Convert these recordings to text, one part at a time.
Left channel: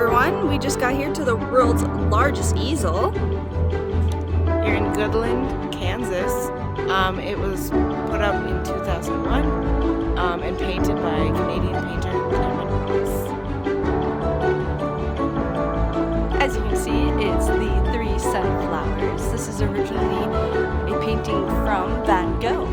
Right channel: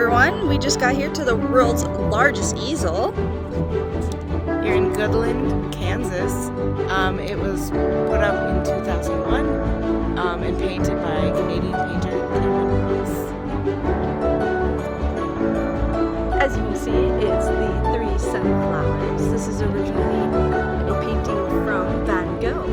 everyone, we just got here to the world's largest easel. Here in Lebanon, Kansas. It was put up in 2001 and painted by Canadian painter Lebanon. As you can see, it's the three sunflowers. This is originally a painting from Van Gogh.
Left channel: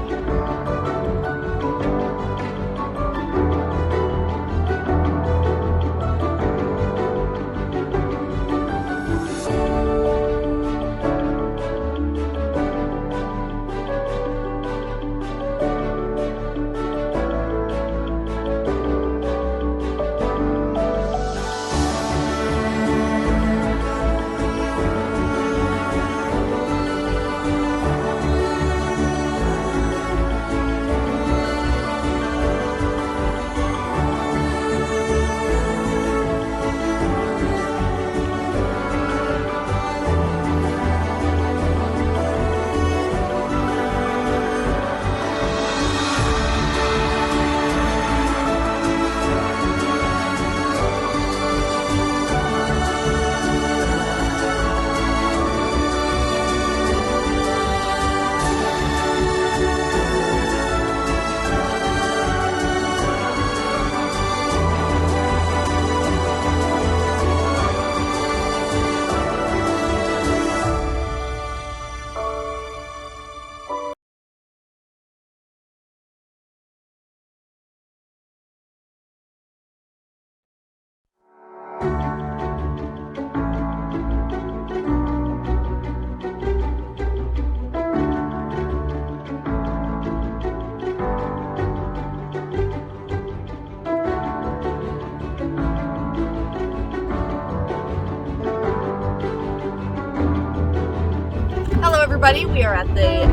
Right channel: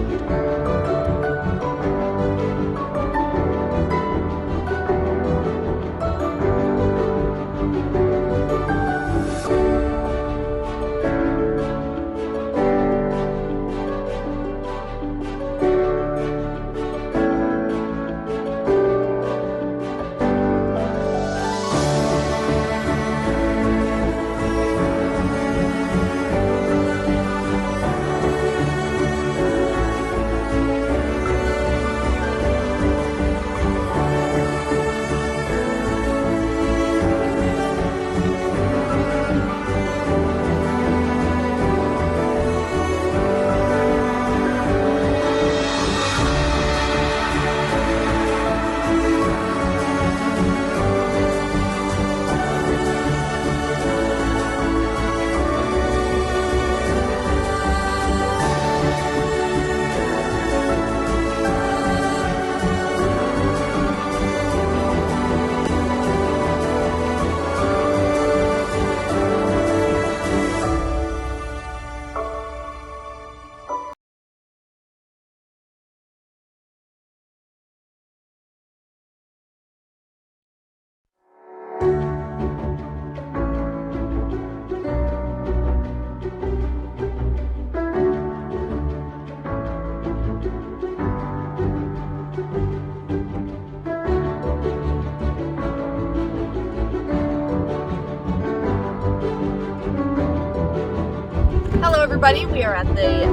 Hello everybody, we are at the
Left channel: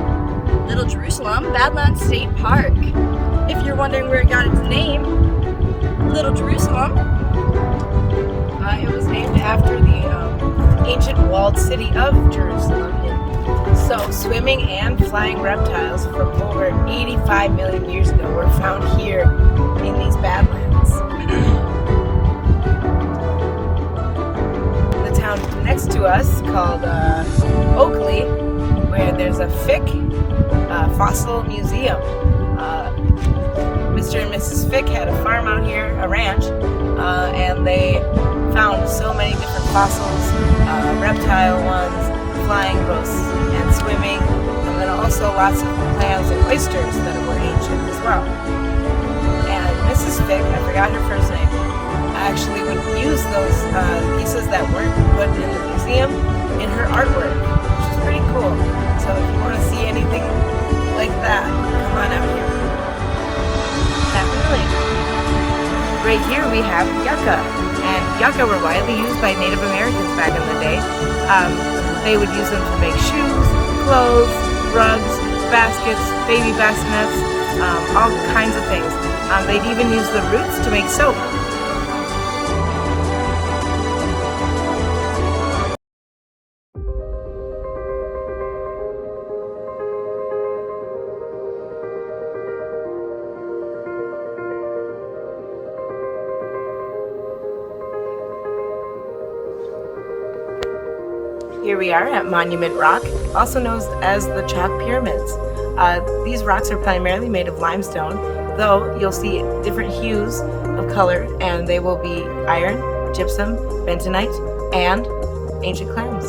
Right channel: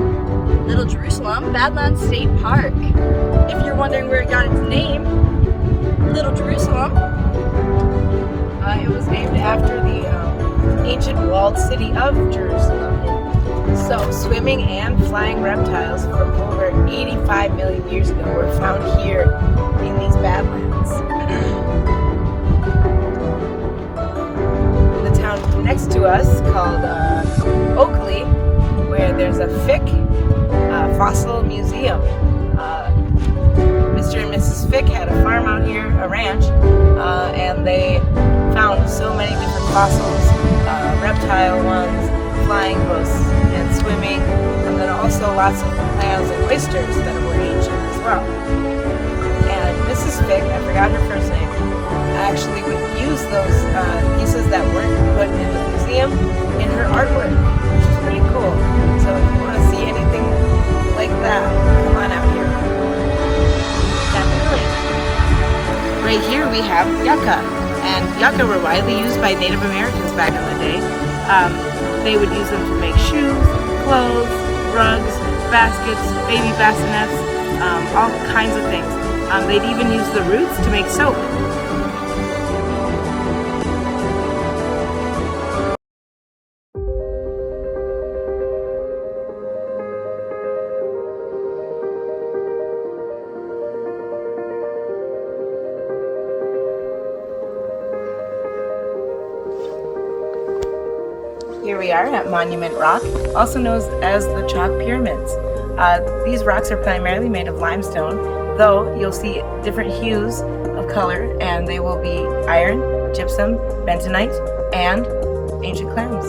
Little Jerusalem Badlands State Park. If you're wondering where it got its name, Little Jerusalem, It was named after the ancient walled city of Jerusalem. So, swimming and flying reptiles from over 85 million years ago were found here in these Badlands. The town next to us, called Oakley, where there's a Fick fossil museum. Mr. and Mrs. Fick had a farm out here, a ranch, and they found so many different fossils, reptile ones, flying both and swimming, and then also lots of clams and oysters that were ancient as well. And Mrs. Fick, I forgot her first name, actually would use those pieces that weren't put in the museum in her artwork, which is pretty cool. So if you want to see anything like that, come on out here. definitely. Right here we have yucca, and yucca were widely used by Native Americans back in the day. They would use them to make shoes, clothes, rugs, baskets, baby bassinets, all kinds of things. They'd even use the roots to make soap. Here we are at Monument Rock, also known as the Chalk Pyramids. These rocks are primarily made of limestone, though you'll see different hues of color, and they will be iron, gypsum, bentonite, and ancient clams.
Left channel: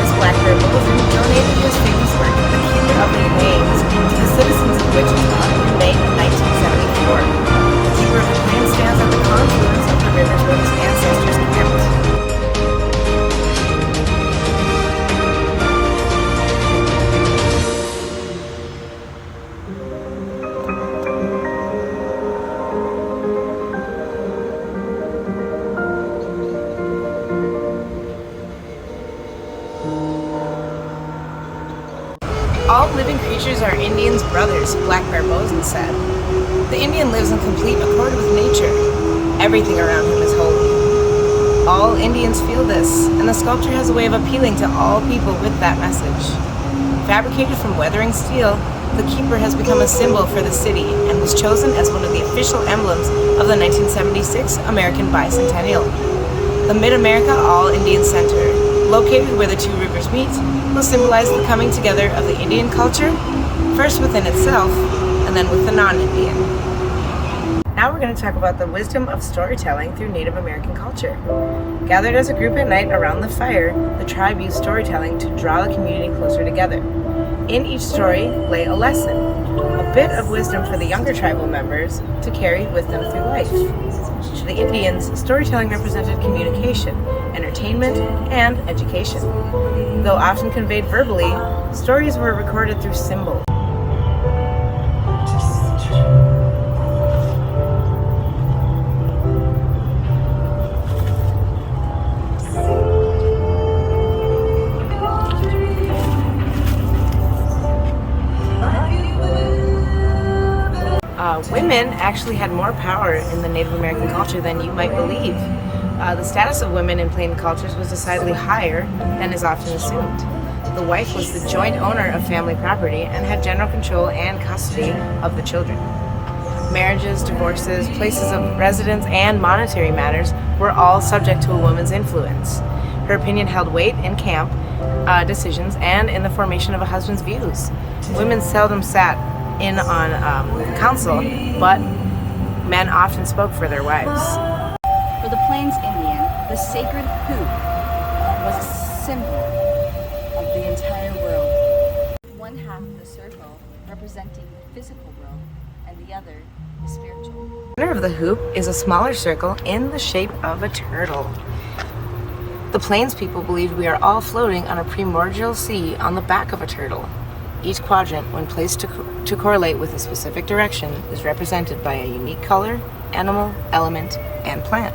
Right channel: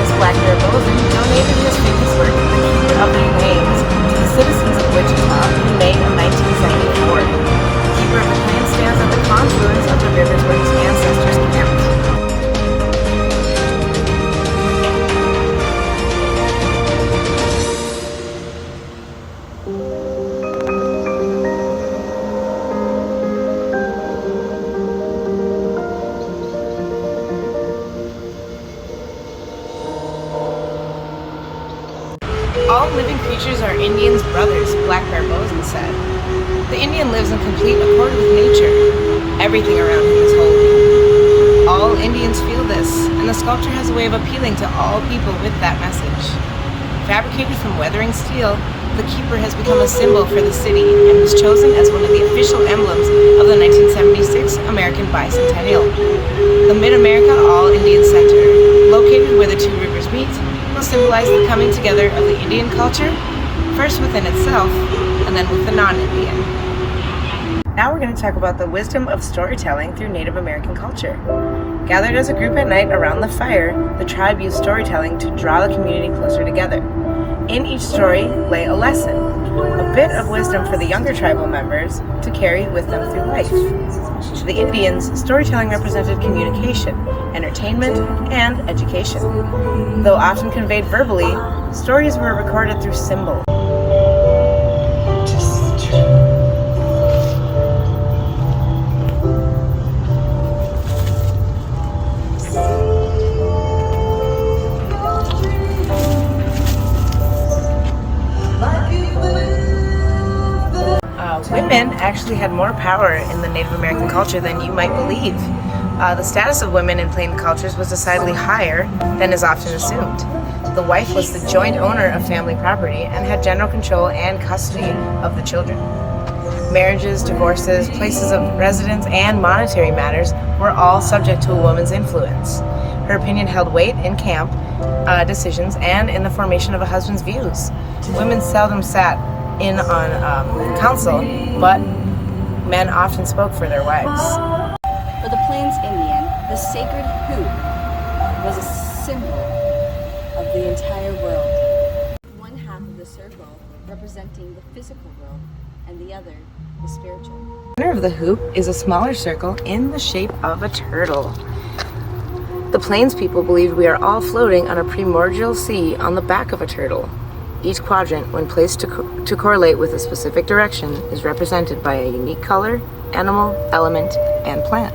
artist Black Bear Bozen donated his famous work, The Keeper of the Lanes, to the citizens of Wichita in May of 1974. The Keeper of the Plains stands at the confluence of the rivers where his ancestors camped. All living creatures are Indians' brothers, Black Bear Bozen said. The Indian lives in complete accord with nature. Everything around him is holy. All Indians feel this, and the sculpture has a way of appealing to all people with that message. Fabricated from weathering steel, the Keeper has become a symbol for the city and was chosen as one of the official emblems of the 1976 American Bicentennial. The Mid-America All-Indian Center, located where the two rivers meet, will symbolize the coming together of the Indian culture, first within itself, and then with the non-Indian. Now we're going to talk about the wisdom of storytelling through Native American culture. Gathered as a group at night around the fire, the tribe used storytelling to draw the community closer together. In each story lay a lesson, a bit of wisdom for the younger tribal members to carry with them through life. To the Indians, storytelling represented communication, entertainment, and education. Though often conveyed verbally, stories were recorded through symbol. Women actually had more power in the Native American culture than you might believe. The status of women in Plain cultures was decidedly higher than is often assumed. The wife was the joint owner of family property and had general control and custody of the children. Marriages, divorces, places of residence, and monetary matters were all subject to a woman's influence. Her opinion held weight in camp decisions and in the formation of a husband's views. Women seldom sat in on council, but men often spoke for their wives. For the Plains Indian, the sacred hoop was a symbol of the entire world. One half of the circle representing the physical world, and the other the spiritual. The center of the hoop is a smaller circle in the shape of a turtle. The Plains people believed we are all floating on a primordial sea on the back of a turtle. Each quadrant, when placed to correlate with a specific direction, is represented by a unique color, animal, element, and plant.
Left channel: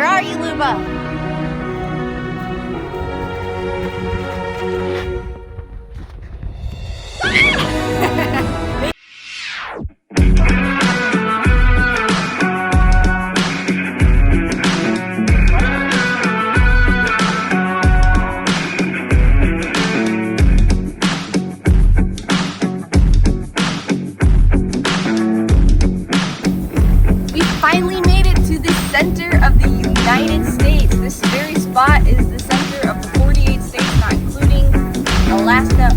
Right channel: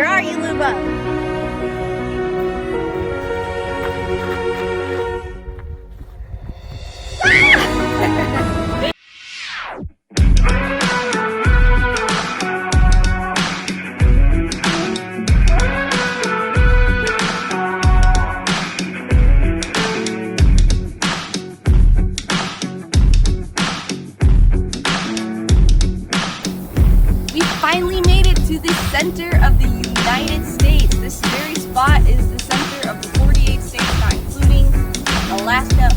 Where are you, Luba? We finally made it to the center of the United States. This very spot is the center of the 48 states, not including Alaska